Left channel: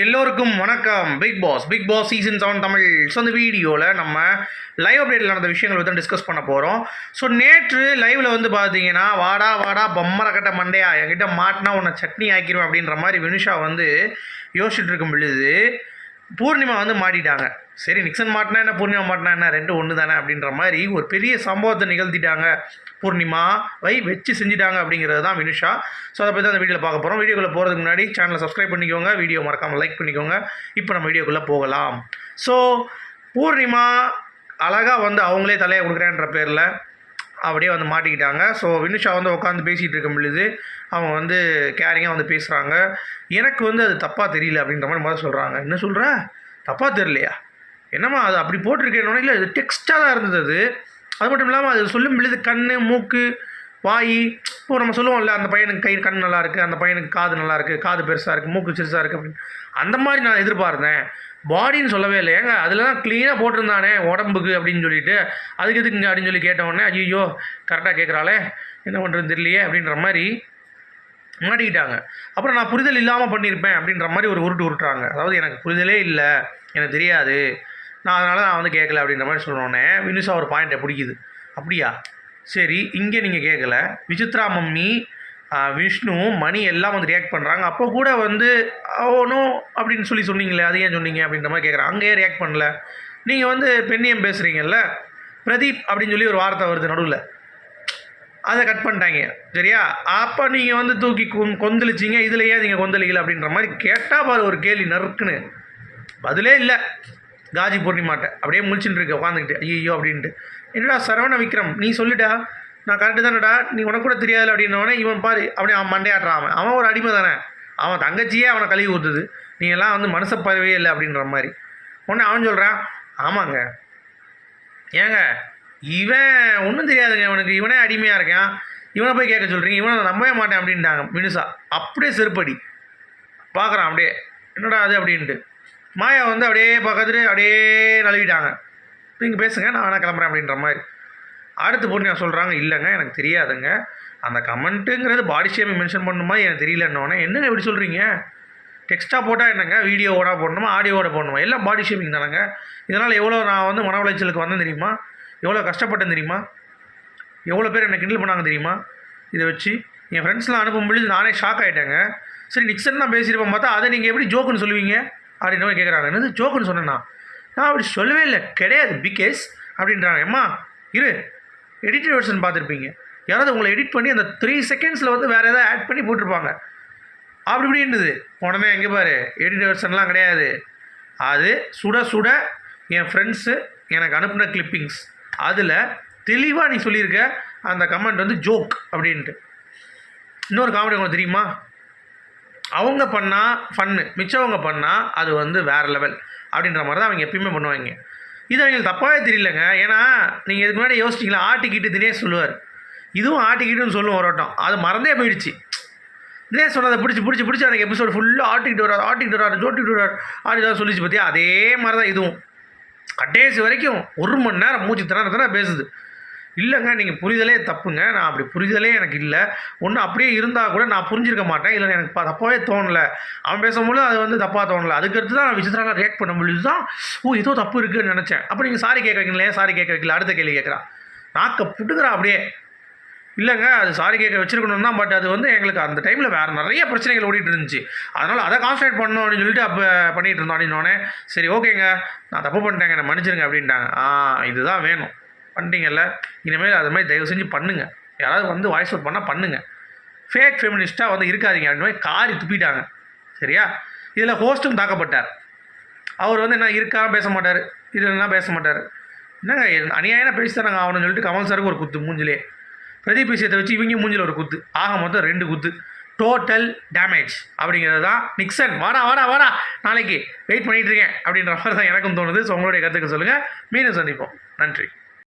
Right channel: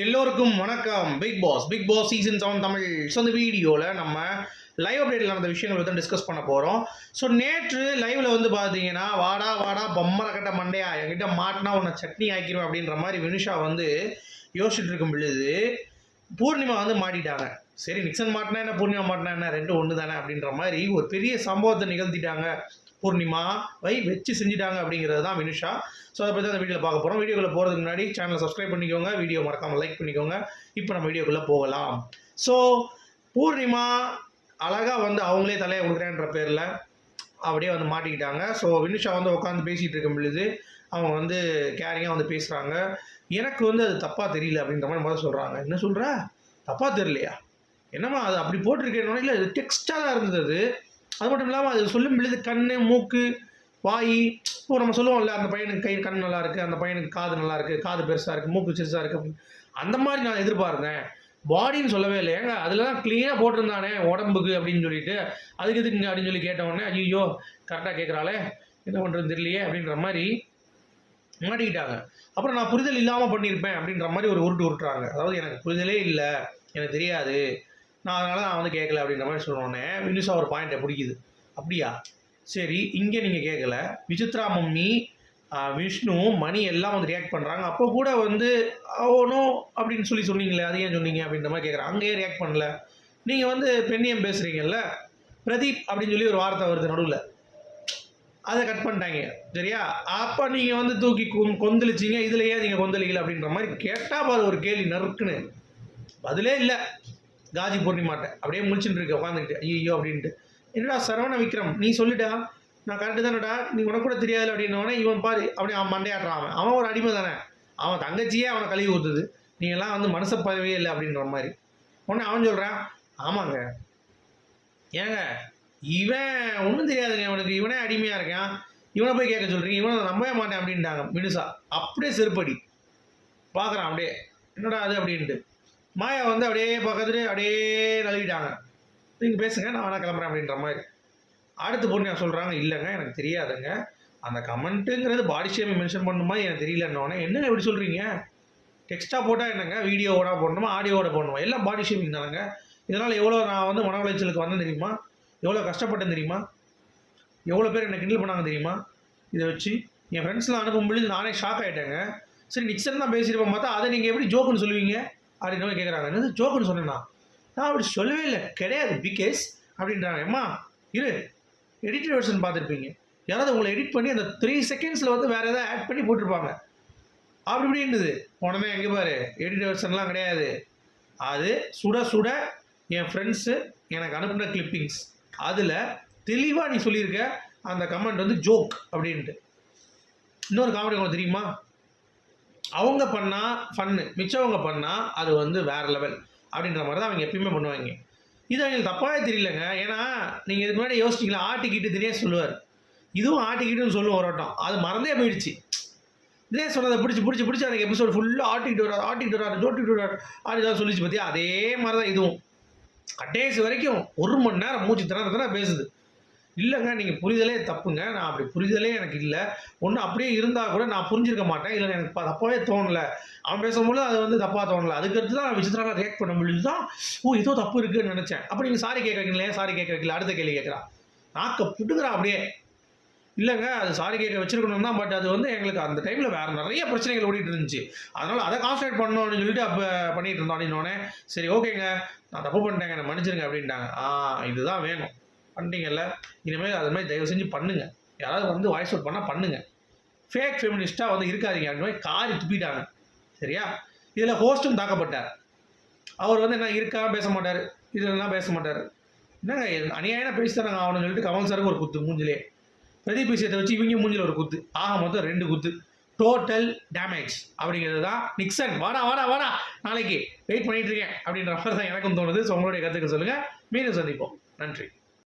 எல்லோருக்கும் வணக்கம். Big boss big boss season seven Tamil. So அந்த வீடியோவில் நம்ம லைவ் அப்டேட்டில் நடந்த விஷயங்கள் பற்றி டிஸ்கஸ் பண்ண போகிறோம் ஸோ நேற்று லைவில் வந்து பார்த்தீங்கன்னா வாடா வாடா பொம்மரை கட்ட மண்டையா என்கிட்ட மாட்டினா உன்னை சட்னி ஆக்கிடுவேன் அப்படின்ற மாதிரி வினுஷா வந்து யோசிச்சுட்டு இருக்கும் பொழுது பூர்ணிமா வந்து மாட்டிட்டாங்க. சரி நிக்சன் மாட்டினா என்ன பூர்ணிமா மாட்டினா என்ன? ரெண்டு ஒன்று தானே அப்படின்ற மாதிரி ஒரு பெரிய சம்பவத்தை நிகழ்த்திட்டாங்க. பூர்ணிமா வை வச்சு செஞ்சுட்டாங்க அப்படிங்கிறது தான் வினுஷா. ஸோ அதை பற்றி அந்த வீடியோவில் பார்க்க போகிறோம் வீடியோக்குள்ளே போகிறதுக்கு முன்னாடி சேனலை சப்ஸ்கிரைப் பண்ணிக்கோங்க. வீடியோ மறக்காமல் லைக் பண்ணிக்கோங்க. இப்போ நம்ம வீடியோக்குள்ளே போகலாம். ஸோ பூர்ணிமா அழகாக வந்து அவங்களே தலையை கொடுக்குறேன்ற பேரில் அப்படியே வந்து மாட்டிக்கிட்டாங்க. ஸோ வினுஷா வந்து உட்காந்து பேசிகிட்டு இருக்கும் பொழுது அவங்க வந்து கேரிங்காக வந்து பேசுகிறாங்க எனக்கு வந்து அது தப்பாக தெரியல அப்படின்ற மாதிரி முதல்ல சொல்கிறாங்க என்ன சொல்கிற தப்பாக தெரியலையா? என்னம்மா அது அப்படி போட்டிருக்கேன்னு இல்லை இது டெக்ஸ்ட்டாக தான் இருந்தது அது. அது மட்டும் இல்லாமல் அது சொல்லும் பொழுது கண் மூக்கு வாய் இப்போ நம்ம சொல்லுவோம்ல அந்த பையனுக்கு கை கண் நல்லா இருக்குது அந்த பையனுக்கு காது நல்லா இருக்குது காது பெருசாக இருக்குது மூக்கு சிறுசாக இருக்குது அப்படின்னு. அந்த மாதிரி நான் எதிர்பார்த்தேன். பாடின்னு சொல்லவே இல்லை. ஏங்க அதில் தான் க்ளீனாக போட்டிருந்தானே உடம்புக்கு அப்படின்னு சொல்லிட்டு. அதுக்கு எதுக்குங்க அப்படின்னு சொல்லி கேட்டவுடனே ஐயோ கரெக்டாக கேட்குறாளே என்ன பண்ணுறது தெரியலையே அப்படின்ற மாதிரி மாட்டிக்கிட்டாங்க அப்புறம் நான் புரிதல் இல்லாமல் பண்ணியிருப்பேன் அப்படின்ற மாதிரி ஒரு உருட்டு உருட்டுறாங்க. அதாவது எனக்கு புரிதலே இல்லை எனக்கு தெரியாது. நான் அதனால் நான் வந்து கேட்கல அப்படின்ற மாதிரி சொன்னோடனே வினுஷா ஒரு பாயிண்ட்டை பிடிக்குது. அப்படியா? சரி இங்கே நீங்கள் கேட்கல விசித்ரா மம்மி விஷ்ணு மணி எல்லாம் வந்து ரியாக்ட் பண்ணுறாங்க அப்போ கூட வந்து ஓனோ அப்படின்னு சொல்லி சொன்னீங்களே அது ஏன் சொன்னீங்க அப்படின்ற மாதிரி கேட்குறாங்க அங்கேயே ரியாக்ட் பண்ணல? நீங்கள் வந்து பெண்ணியம் பேசுகிறீங்கல்ல பிரதீப் அப்படின்னு சொல்லி ஒரு வார்த்தை வருது நடுவில். அதை கட் பண்ணிட்டாங்க. சரியா? அப்போ நீங்கள் வந்து தூக்கி கொந் கொந்தளிச்சிங்க இதில் ஏன் நீங்கள் கொந்தளிக்கல அப்படின்ற மாதிரி கேட்டால் பாரு ஒரு கேள்வி நறுக்குன்னு. பதிலே இல்லை. காஜி பூர்ணிமாட்ட அப்படியே முழிச்சுட்டு இருக்க உட்காந்துக்கிட்டு ஐயோ அப்படின்ட்டு. என்னடா சரவண விக்ரம் நீ சொல்லிட்டா நான் கரெக்டு தானடா. நீ உனக்கு கூட தெரியாது அப்படின்னவனே இவன் பாரு அப்படியே அவன் மண்டையாட்டுறான் அவன். அவன் ஒரு அடிமை தானே. அவன் தங்கச்சியே அவனை கழுவி ஊற்றுது நீ எல்லாம் வந்து மனசை பதவியே இல்லை அப்படின்ற மாதிரி. உடனே அவன் சொல்கிறான் ஆமாங்க. ஏங்க இவன் ஒன்றும் தெரியாதுங்க. இவனுக்கு இவனே அடிமையாக இருக்கான். இவனை போய் கேட்க சொல்கிறீங்க இவனை நம்பவே மாட்டேன் அப்படின்ட்டாங்க மினுசா அப்படியே செருப்படி. பார்க்குறான் அப்படியே. என்னடா அது அப்படின்ட்டு. மாயா வந்து அப்படியே பக்கத்துட்டு அப்படியே நழுவிட்டாங்க. நீங்கள் பேசுங்க. நான் வேணா கிளம்புறேன் அப்படின்ற மாதிரி. அடுத்து பொண்ணு சொல்கிறாங்க இல்லைங்க. எனக்கு தெரியாதுங்க. அந்த கமெண்ட்டுங்கிறது பாடி ஷேமை மென்ஷன் பண்ணுமா எனக்கு தெரியலன்னோடனே என்னங்க இப்படி சொல்கிறீங்க டெக்ஸ்ட்டாக போட்டால் என்னங்க? வீடியோவோட போடணுமா? ஆடியோவோட போடணுமா? எல்லாம் பாடி ஷேமிங் தானங்க. இதனால் எவ்வளோ நான் வந்து மன உளைச்சலுக்கு வந்தேன் தெரியுமா? எவ்வளோ கஷ்டப்பட்டேன் தெரியுமா? எவ்வளோ பேர் என்னை கிண்டல் பண்ணாங்க தெரியுமா? இதை வச்சு என் ஃப்ரெண்ட்ஸ்லாம் அனுப்பும் பொழுது நானே ஷாக் ஆகிட்டேங்க சரி நிக்சன் தான் பேசியிருப்பேன் பார்த்தா அதை நீங்கள் எப்படி ஜோக்குன்னு சொல்லுவீங்க? அப்படின்னு மாதிரி கேட்குறாங்க என்னது ஜோக்குன்னு சொன்னேன்னா நான் அப்படி சொல்லவே இல்லை. கிடையாது பிகேஸ் அப்படின்றாங்க. அம்மா இரு எடிட்டட் வெர்ஷன் பார்த்துருப்பீங்க. யாராவது உங்களை எடிட் பண்ணி அந்த த்ரீ செகண்ட்ஸில் வந்து வேறு எதாவது ஆட் பண்ணி போட்டிருப்பாங்க. அப்படி இப்படி இருந்தது. உடனே எங்கே பாரு எடிட் வெர்ஷன்லாம் கிடையாது. அது சுட சுட என் ஃப்ரெண்ட்ஸு எனக்கு அனுப்பின கிளிப்பிங்ஸ் அதில் தெளிவாக நீ சொல்லியிருக்க அந்த கமெண்ட் வந்து ஜோக் அப்படின்ட்டு. இன்னொரு காமெடி உங்களுக்கு தெரியுமா? அவங்க பண்ணால் ஃபன்னு மிச்சவங்க பண்ணால் அது வந்து வேறு லெவல் அப்படின்ற மாதிரி தான் அவங்க எப்பயுமே பண்ணுவாங்க. இது அவங்களுக்கு தப்பாகவே தெரியலங்க. ஏன்னா நீங்கள் இதுக்கு முன்னாடி யோசிச்சிங்களா? ஆட்டிக்கிட்டு தினேஷ் சொல்லுவார். இதுவும் ஆட்டிக்கிட்டுன்னு சொல்லுவோம் ஒரு வட்டம் அது மறந்தே போயிடுச்சு. தினேஷ் சொன்னதை பிடிச்சி பிடிச்சி பிடிச்சி எனக்கு எபிசோடு ஃபுல்லாக ஆட்டிக்கிட்டு வராது ஆட்டிக்கிட்டு வராது ஜோட்டிக்கிட்டு வராது ஆட்டி தான் சொல்லிச்சு பார்த்தியா அதே மாதிரி தான் இதுவும். கடைசி வரைக்கும் ஒரு மணி நேரம் மூச்சு திணற பேசுது. இல்லைங்க நீங்கள் புரிதலே தப்புங்க. நான் அப்படி புரிதலே எனக்கு இல்லை. ஒன்று அப்படியே இருந்தால் கூட நான் புரிஞ்சிருக்க மாட்டேன். இல்லை எனக்கு தப்பாகவே தோணலை. அவன் பேசும்போது அது வந்து தப்பாக தோணலை. அதுக்கடுத்து தான் நான் விசித்திரமாக ரியாக்ட் பண்ண முடியுது தான் ஓ ஏதோ தப்பு இருக்குன்னு நினச்சேன். அப்போ நீங்கள் சாரி கேட்க வைக்கல சாரி கேட்க வைக்கல அடுத்த கேள்வி கேட்குறான் நாக்கை புட்டுக்கிறா அப்படியே. இல்லைங்க அது சாரி கேட்க வச்சுருக்கணும் தான் பட் அது வந்து எங்களுக்கு அந்த டைமில் வேறு நிறைய பிரச்சனைகள் ஓடிட்டு இருந்துச்சு. அதனால் அதை கான்சன்ட்ரேட் பண்ணணும் அப்படின்னு சொல்லிட்டு அப்போ பண்ணிகிட்டு இருந்தோம் அப்படின்னோடனே சரி ஓகேங்க நான் தப்பு பண்ணிட்டேங்க என்னை மன்னிச்சிருங்க அப்படின்ட்டாங்க. ஆ இதுதான் வேணும். பண்ணிட்டீங்கல்ல இனிமேல் அது மாதிரி தயவு செஞ்சு பண்ணுங்கள் யாராவது வந்து வாய்ஸ் அவுட் பண்ணால் பண்ணுங்கள் ஃபேக் ஃபெமினிஸ்ட்டாக வந்து இருக்காதீங்க அப்படின்னு மாதிரி காரி துப்பிட்டாங்க. சரியா? இதில் ஹோஸ்ட்டும் தாக்கப்பட்டார். அவர் வந்து என்ன இருக்கா பேச மாட்டார். இதெல்லாம் பேச மாட்டார். என்னங்க அநியாயம் பேசி தானங்க ஆகணும்னு சொல்லிட்டு கமல் சாருக்கு ஒரு குத்து மூஞ்சிலே. பிரதீப் விஷயத்தை வச்சு இவங்க மூஞ்சில் ஒரு குத்து. ஆக மொத்தம் ரெண்டு குத்து. டோட்டல் டேமேஜ் அப்படிங்கிறது தான் நிக்சன் வாடா வாடா வாடா. நாளைக்கு வெயிட் பண்ணிகிட்ருக்கேன் இருக்கேன் அப்படின்ற மாதிரி தான் எனக்கும் தோணுது. ஸோ உங்களுடைய கருத்துக்கு சொல்லுங்கள் மீண்டும் சந்திப்போம். நன்றி.